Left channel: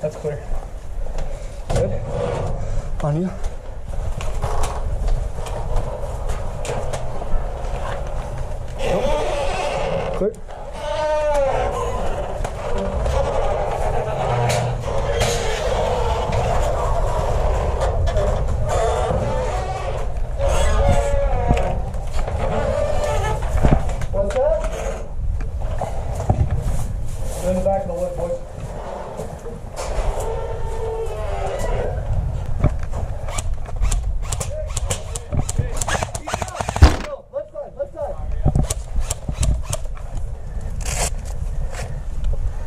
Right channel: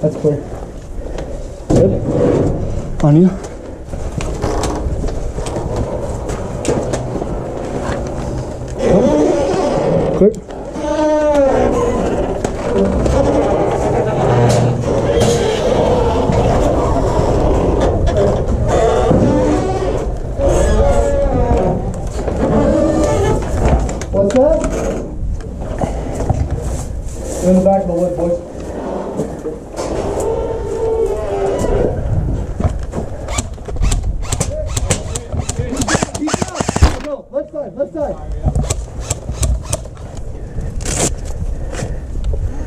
That's clear. Good. On you. Clear. What's that? You're in the back of the wood, boys. Left side.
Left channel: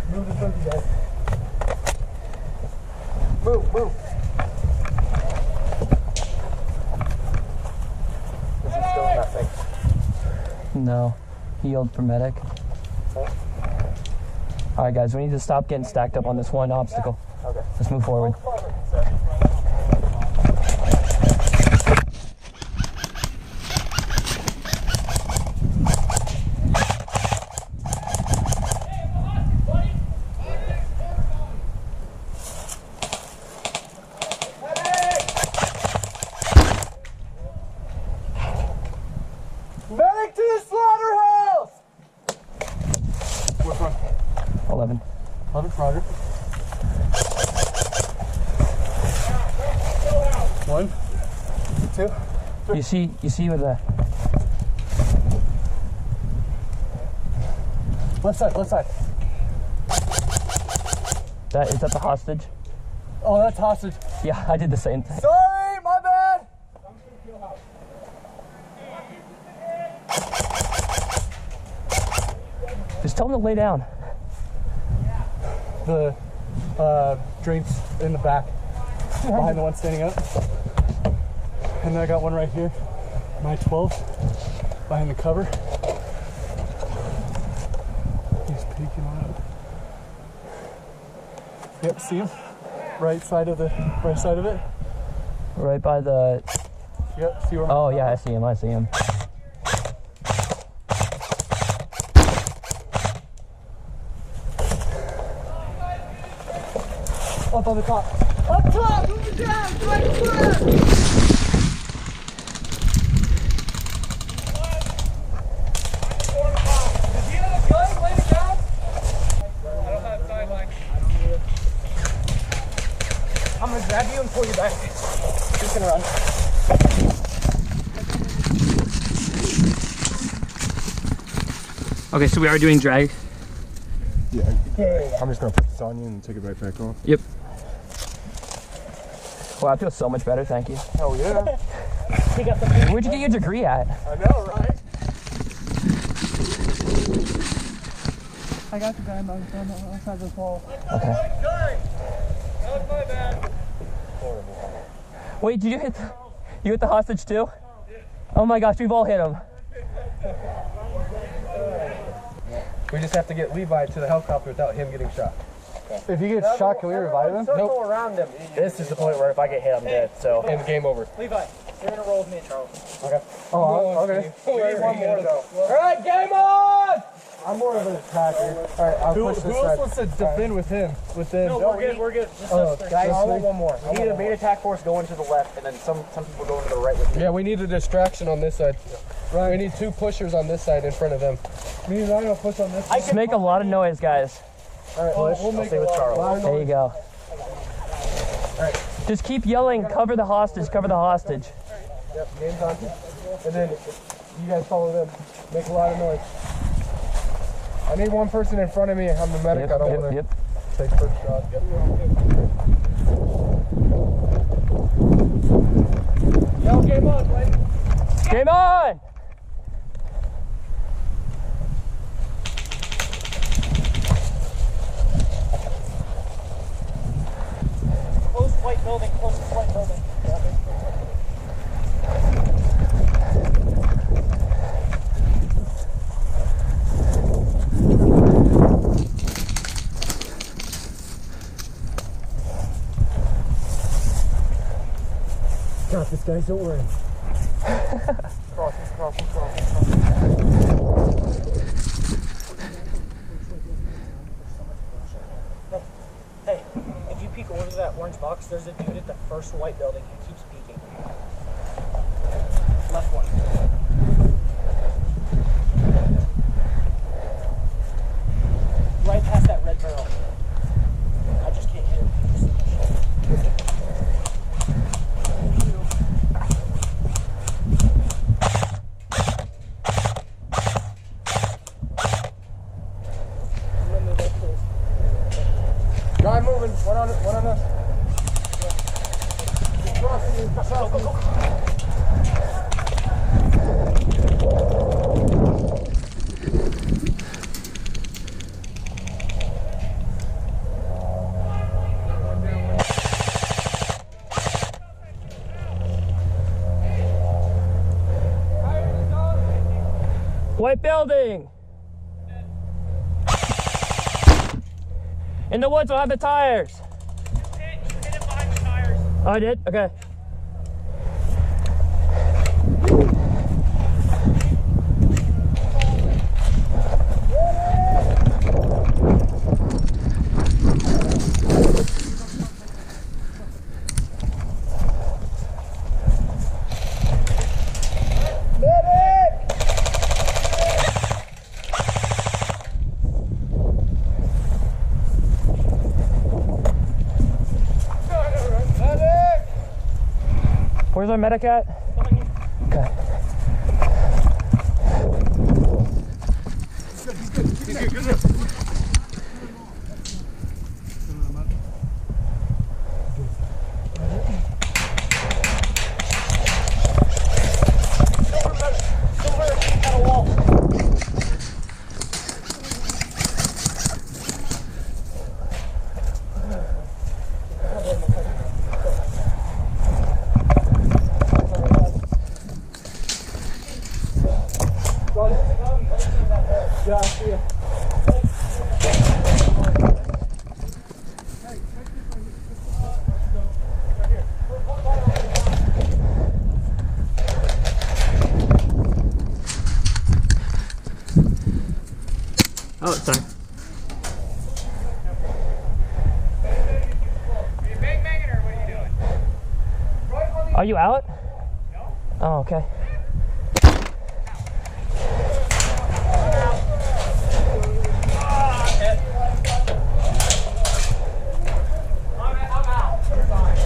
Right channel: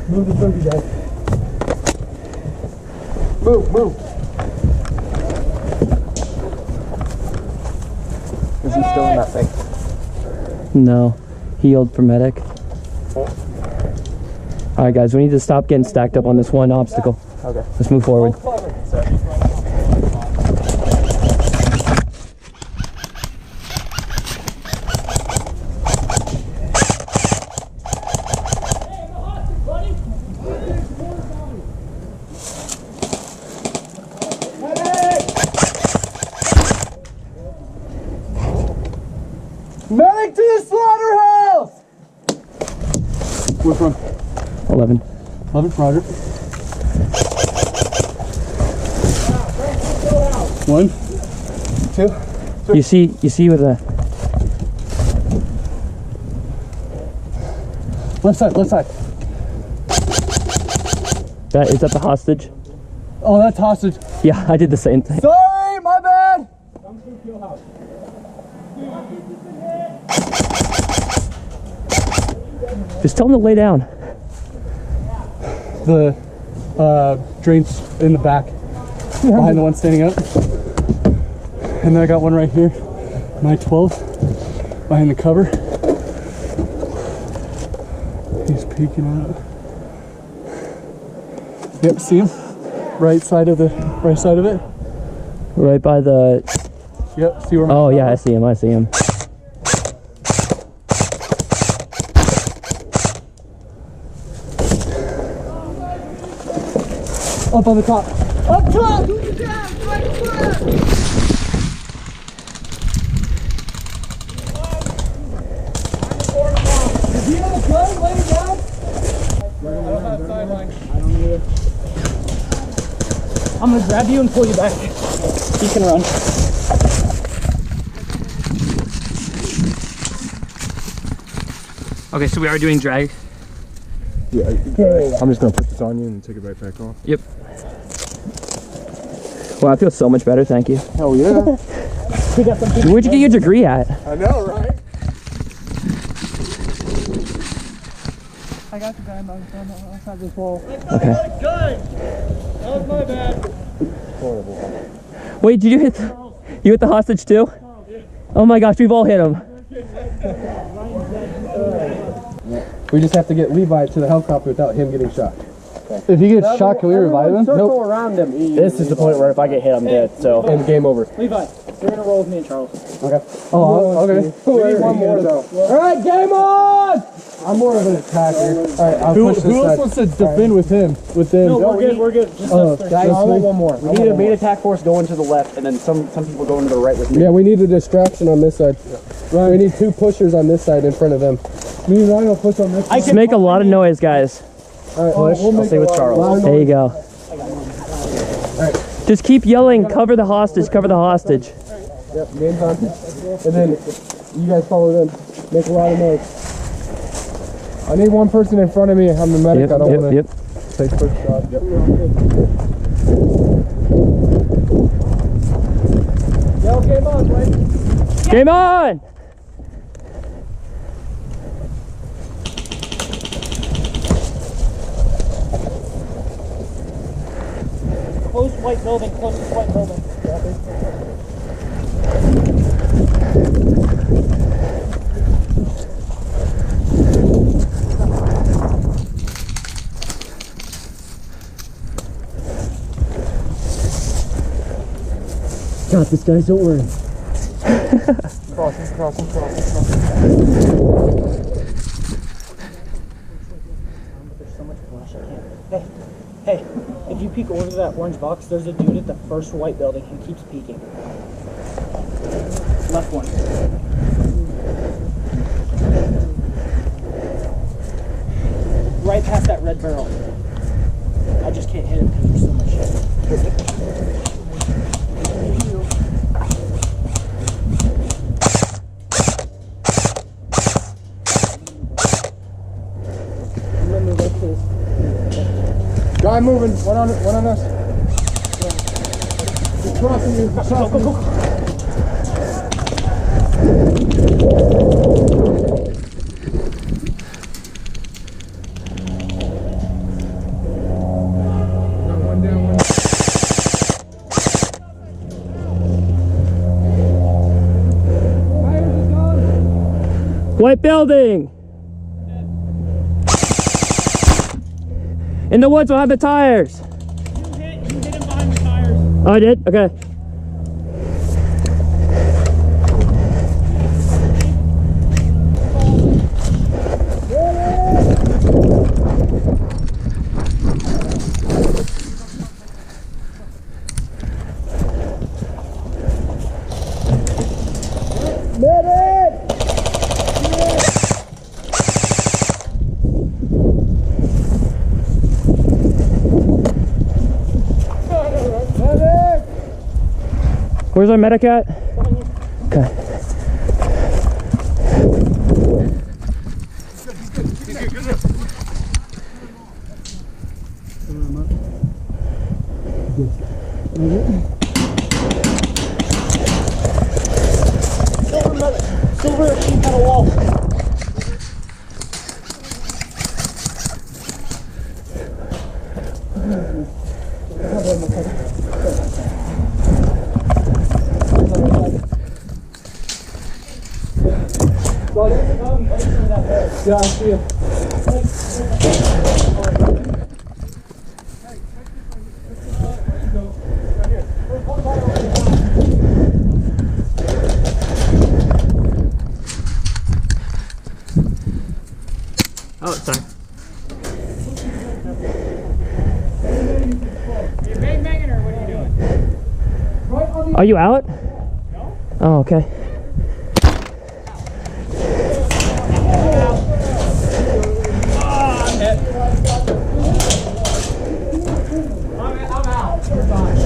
Move the trophy, guys. Move. Is he still in that thing? No. He healed for medic. Alright guys, we need to stop getting stacked up on this one obstacle. Okay. Let's move forward. Medic to the slaughterhouse! Which one? 11. 11, Roger. 1, 2, 3. You see with the Left side. is that the hostage? Oh, that's hostage. Yeah, I did the same thing. Sorry, my bad. Just tell him to lay down. The drain's in the back, behind the one standing up. And then I got one right here, my 12, behind the cover. He's peeking out. Yep, see him? Right side of it. Right by the... Yep, see where my... Oh yeah, I see him. Up on the top. Up top! Do the jab! Right foot! Does he have a gun? Lay it down? I don't have sideline. I don't either. I'm gonna grab you and pull you back. He can run. Okay, so we are doing drag. Yeah. I'm just gonna put this on you and take it right back off. Yep. Wow, I feel so much better, thank you. Hell yeah. Where'd you get your degree at? I know, right? I got the guy outside this wall. Okay. That was my bad. Horrible. Wait, did you hit the hostage too? Oh my gosh, we've all hit him. We just have to get Levi to the helicopter without him getting shot. If he gets shot, can we revive him? Nope. Around him. This is the point where if I get hit, I'm dead. So. And game over. Levi, you're gonna roll with me and Charles. Okay. Oh, okay. One more though. All right, game on! I'm more of an attacker. All right, I'll push this side. Who else wants to defend with him? With them? No, we're good. Just Guys, I want one more. We need a main attack force going to the left, and then some people going to the right with me. Yeah, we need a distraction on this side. Right. We need 2 pushers on this side in front of them. Me and Ryan will push on this side. Just make a lot of noise, guys. All right, push. I'll stay with Charles. There you go. Just keep yelling, cover the hostage, cover the hostage. Yep, game's on. And then you guys follow them. Make a lot of noise. I need one person in front of me. I'm the medic. I don't want to take first shot. Yep. Yo, game on, Blake. Game on! Close white building, closest white building. Got this, guys, don't worry. Crossing. Hey, if you peek over to that orange box, there's a dude at the first white building who keeps peeking. Left one. Right past that red barrel. I just can't hit it because there's so much shit. I'm gonna move up, please. Guy moving. One on us. He's crossing you. Go. One down. White building! In the woods behind the tires! You hit him behind the tires. Oh, I did? Okay. Where's our medic at? Okay. Silver sheet metal wall. Yeah, I see him. Oh, sorry. Are you bang-banging or what are you doing? Are you out? No. Oh, okay. I'm out. You're fine.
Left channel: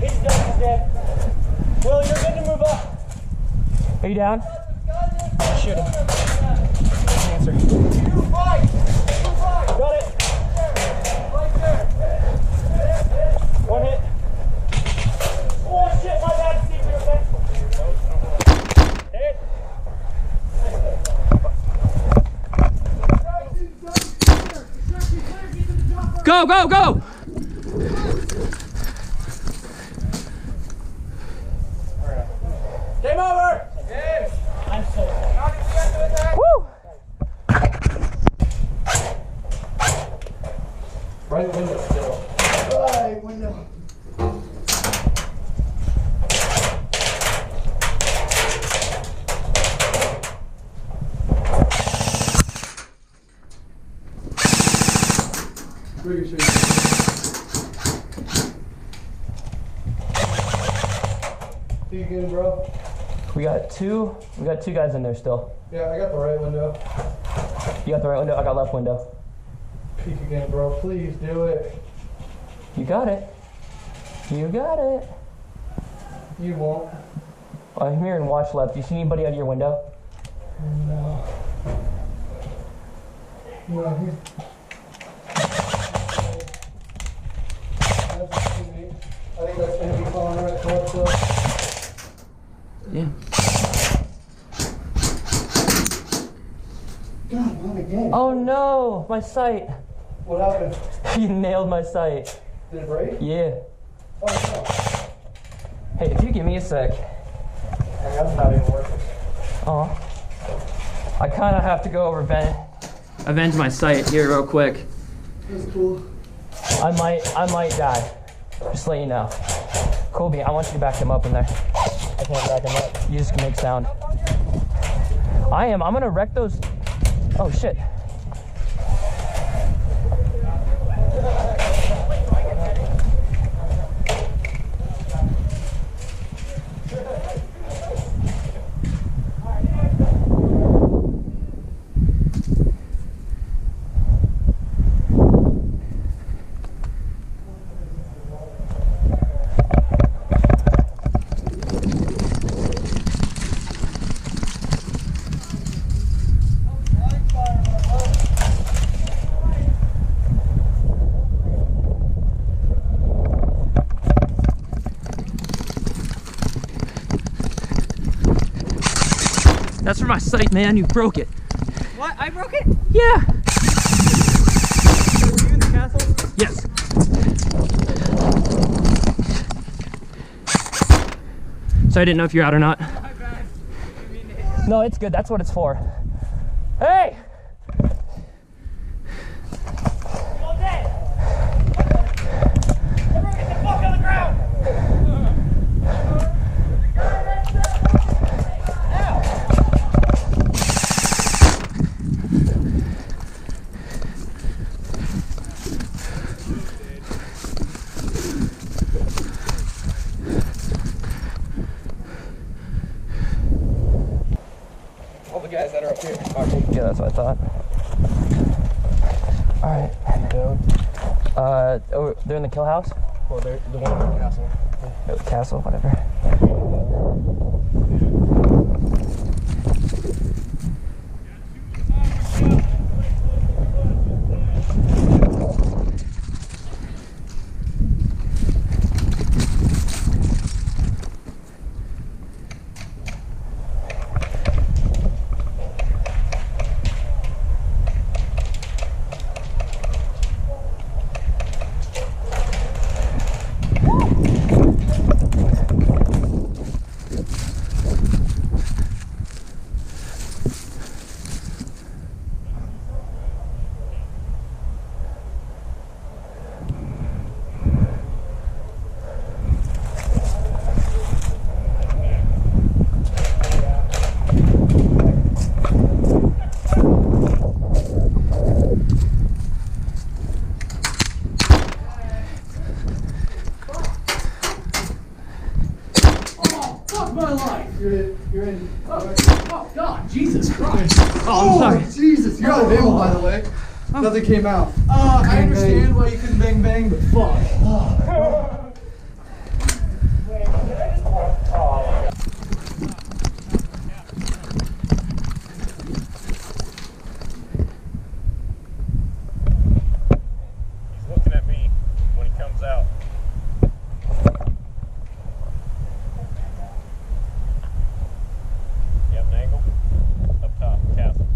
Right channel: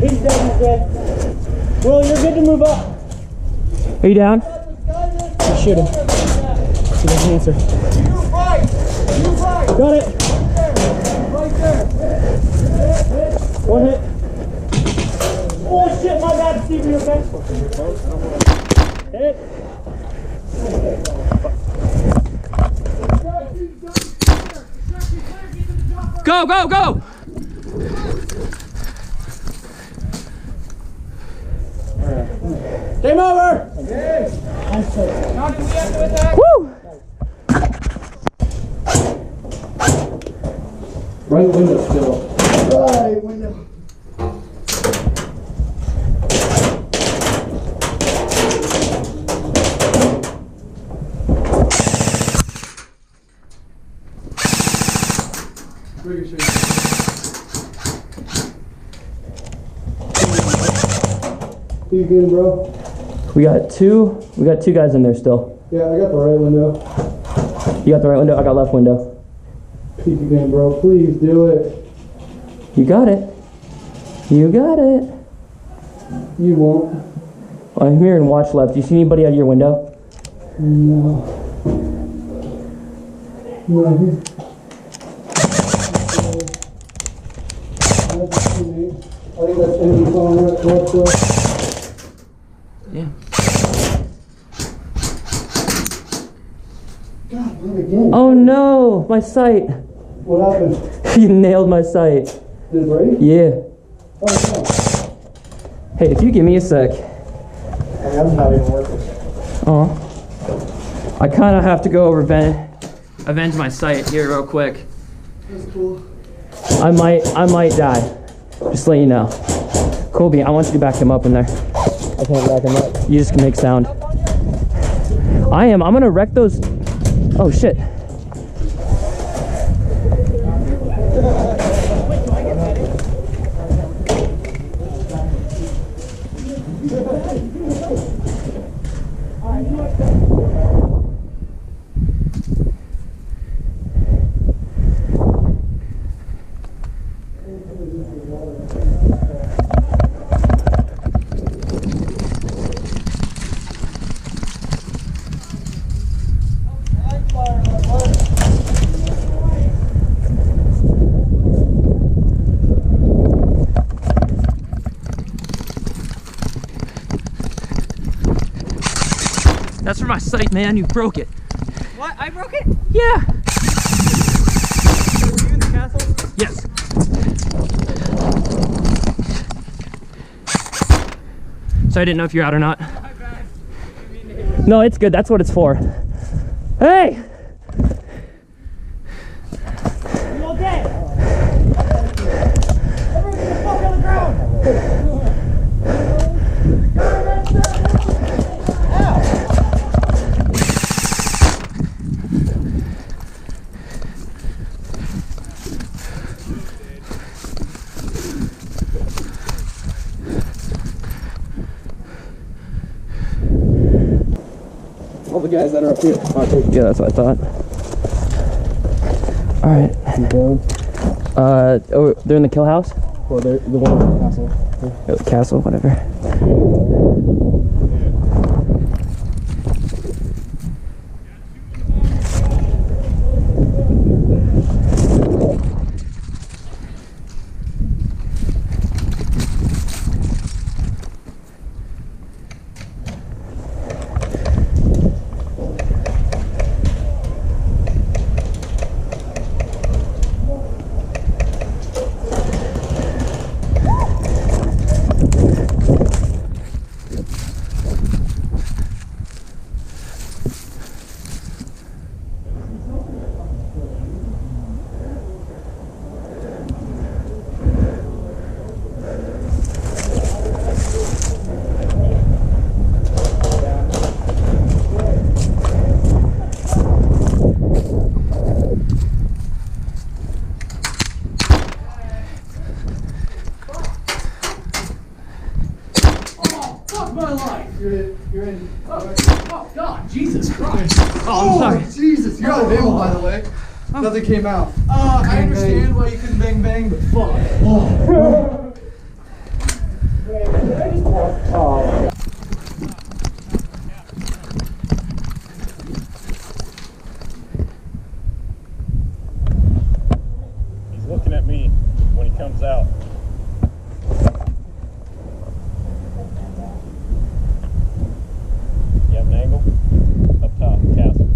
He's dead. Will, you're good to move up. Are you down? Let's shoot him. He doesn't answer. Got it. One hit. Oh shit, my bad, Steve, are you okay? Hit. Go, go, go! Game over! Woo! Right window still. Right window. Ricochet. See you again, bro. We got two guys in there still. Yeah, I got the right window. You got the right window, I got left window. Peek again, bro. Please do it. You got it. You got it. You won't. I'm here and watch left. Do you see anybody out of your window? No. No, he's... That's a teammate. I think that's enemy falling right left though. Yeah. God, I'm again. Oh no, my sight. What happened? You nailed my sight. Did it break? Yeah. Oh, no. Hey, if you give me a sec. I'm not even working. I kind of have to go over Ben avenge my sight here real quick. That's cool. I might die. Just to let you know. Colby, I want you to back him up in there. I can't back him up. You just can make sound. I'm gonna wreck those. Oh shit. That's for my sight, man. You broke it. What? I broke it? Yeah. Were you in the castle? Yes. So I didn't know if you're out or not. My bad. I mean to hit you. No, it's good. That's what it's for. Hey! You all dead? Everyone get the fuck on the ground! Ow! All the guys that are up here. Yeah, that's what I thought. Alright. He's down. Oh, they're in the kill house? Well, they're the one in the castle. Oh, the castle, whatever. You're in. Oh, God, Jesus Christ. Oh, I'm sorry. Jesus, you're out of ammo, by the way. Nothing came out. I understand why you couldn't bang bang, but fuck. He's looking at me when he comes out. You have an angle? Up top, castle.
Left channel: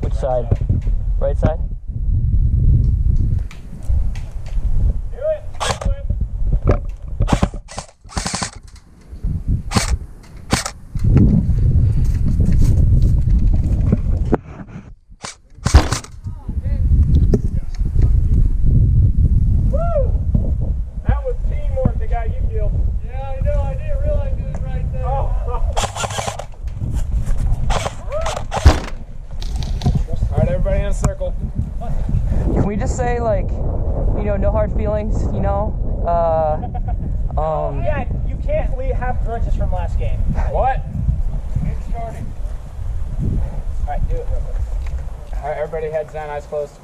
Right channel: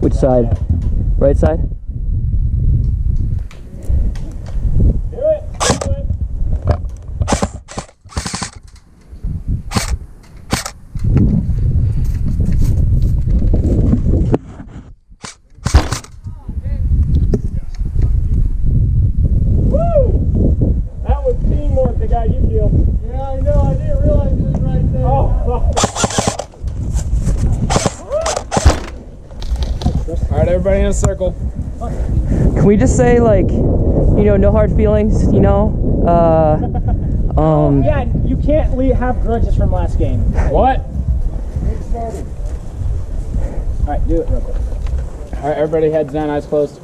Which side? Right side? Do it! Do it! That was teamwork that got you killed. Yeah, I know. I didn't realize it was right there. All right, everybody in a circle. Can we just say, like, you know, no hard feelings, you know? Yeah, you can't have grudges from last game. What? Alright, do it real quick. All right, everybody heads down, eyes closed.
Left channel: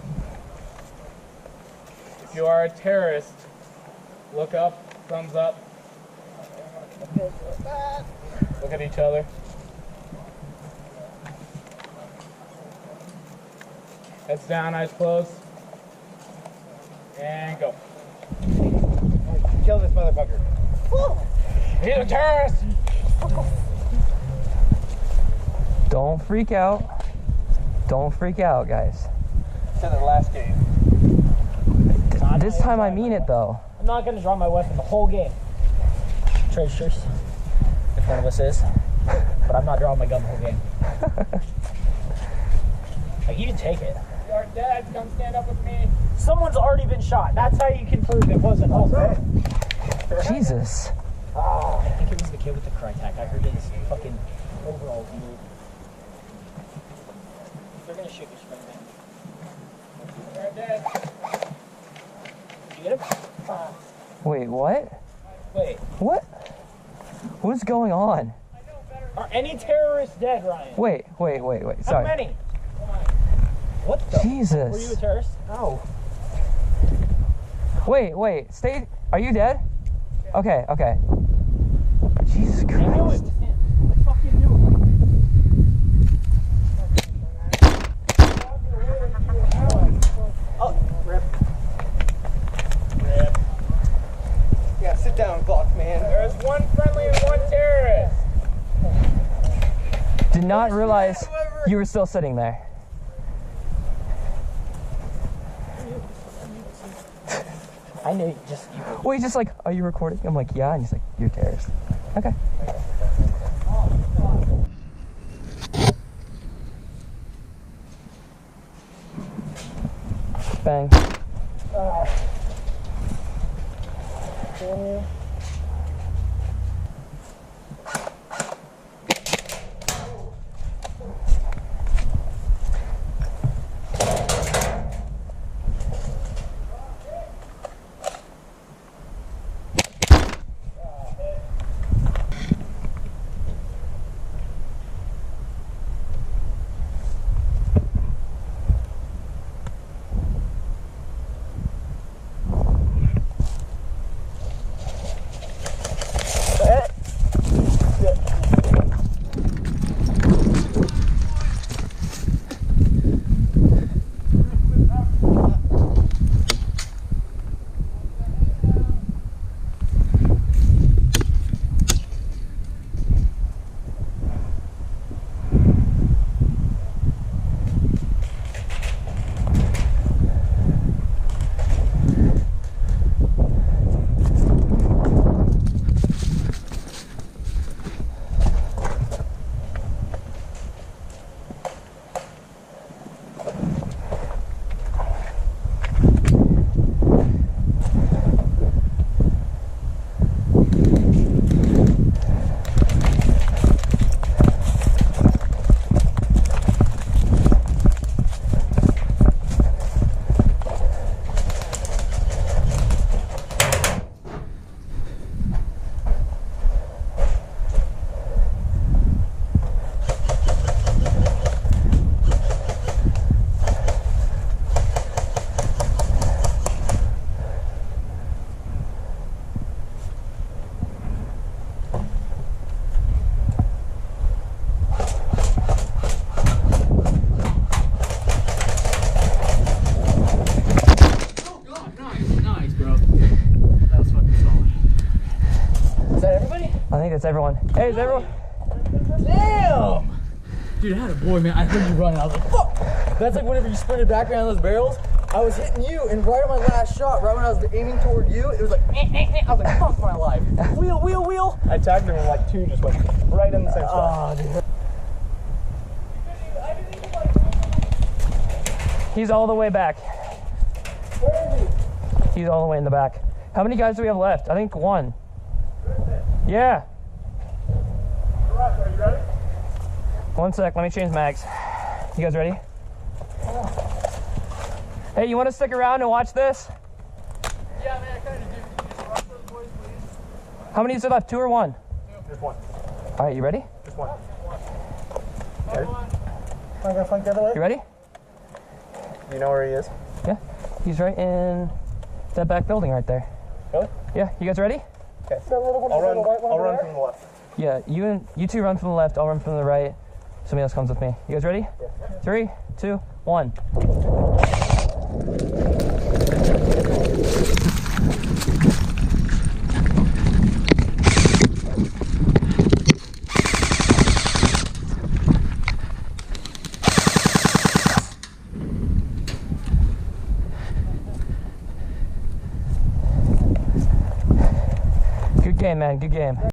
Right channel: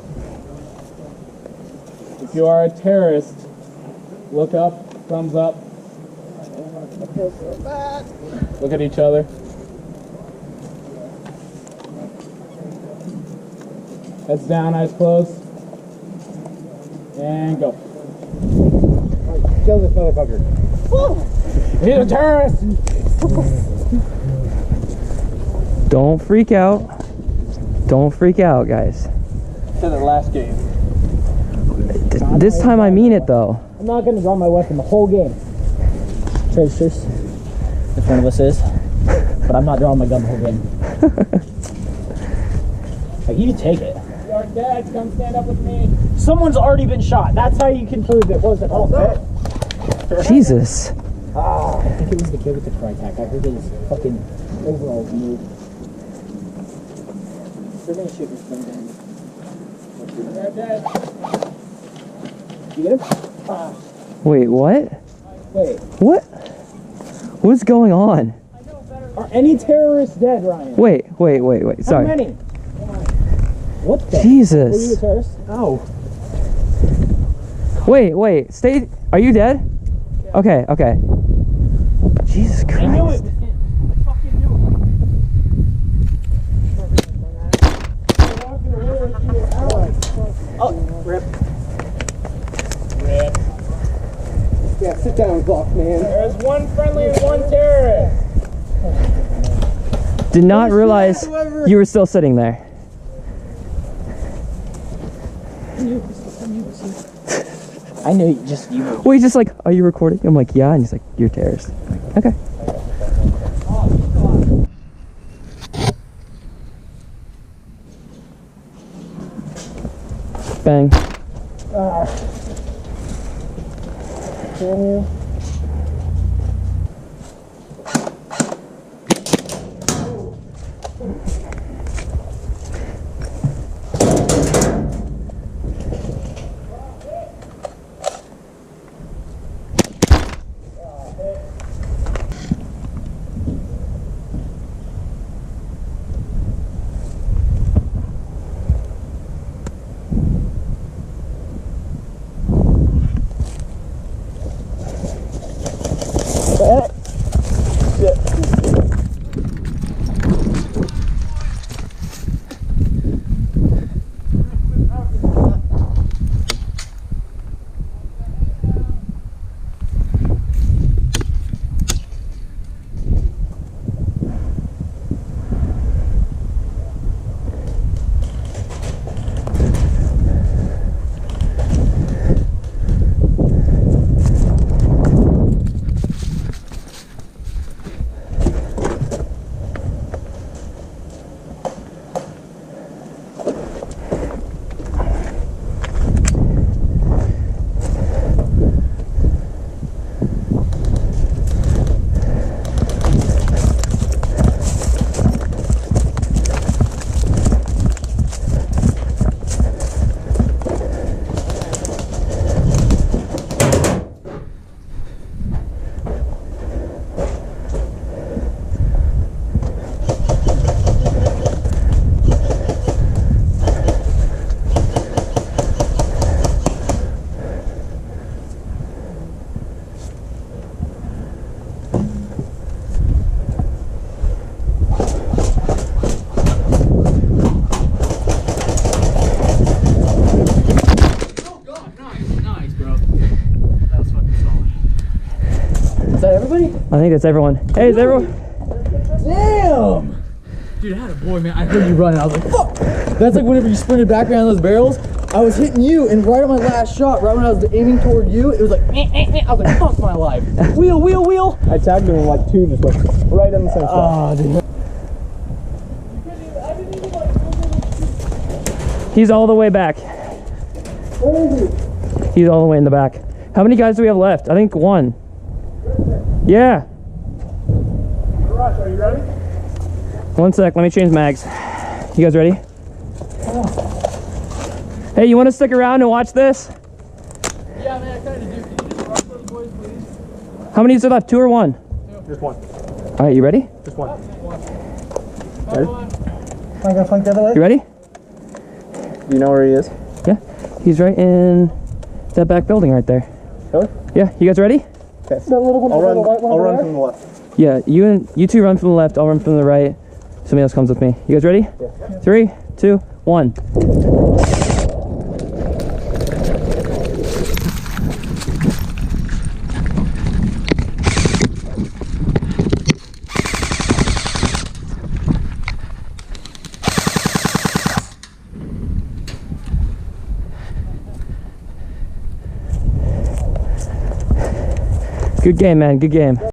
If you are a terrorist, look up, thumbs up. Look at each other. Heads down, eyes closed. And go. Kill this motherfucker. He's a terrorist! Don't freak out. Don't freak out, guys. Said it last game. This time I mean it, though. I'm not gonna draw my weapon the whole game. Tracers, if one of us is. But I'm not drawing my gun the whole game. Like, you can take it. Dad, come stand up with me. Someone's already been shot. That's how you can prove it wasn't us. Jesus. I think it was the kid with the Crytek. I heard his fucking overalls move. They're gonna shoot me from behind me. Dad. Did you get him? Wait, what? Wait. What? What's going on? Are any terrorists dead, Ryan? Wait. How Sorry. many? What the? Jesus. Were you a terrorist? Oh. Wait. Stay. Are you dead? Okay. Jesus Christ. I knew it was him. I fucking knew it. Oh, rip. Yeah, sit down, Buck, man. There's one friendly and one terrorist. Did not realize you were still sitting there. I knew just you. Well, he's just like, are you recording? I'm like, yeah. And he's like, you're a terrorist. Okay. Bang. Can you? I think that's everyone. Hey, is everyone? Damn! Dude, I had a boy, man. I heard you running. I was like, fuck! That's like whenever you sprinted back behind those barrels. I was hitting you, and right on my last shot, right when I was aiming toward you, it was like, I was like, fuck my life. Wheel. I tagged him in like two, just like right in the same spot. Oh, dude. He's all the way back. Where is he? He's all the way in the back. How many guys do we have left? I think one. Yeah. Russ, are you ready? One sec, let me change mags. You guys ready? Hey, you want to stick around and watch this? Yeah, man, I kind of do. Can you just rush those boys, please? How many is there left? Two or one? Just one. All right, you ready? Just one. Ready? Am I gonna flank the other way? You ready? Do you know where he is? Yeah. He's right in that back building right there. Really? Yeah. You guys ready? Okay. That little one, I'll run. the white one I'll over run there? from the left. Yeah. You two run from the left. I'll run from the right. Somebody else comes with me. You guys ready? Yeah. 3, 2, 1. Good game, man. Good game.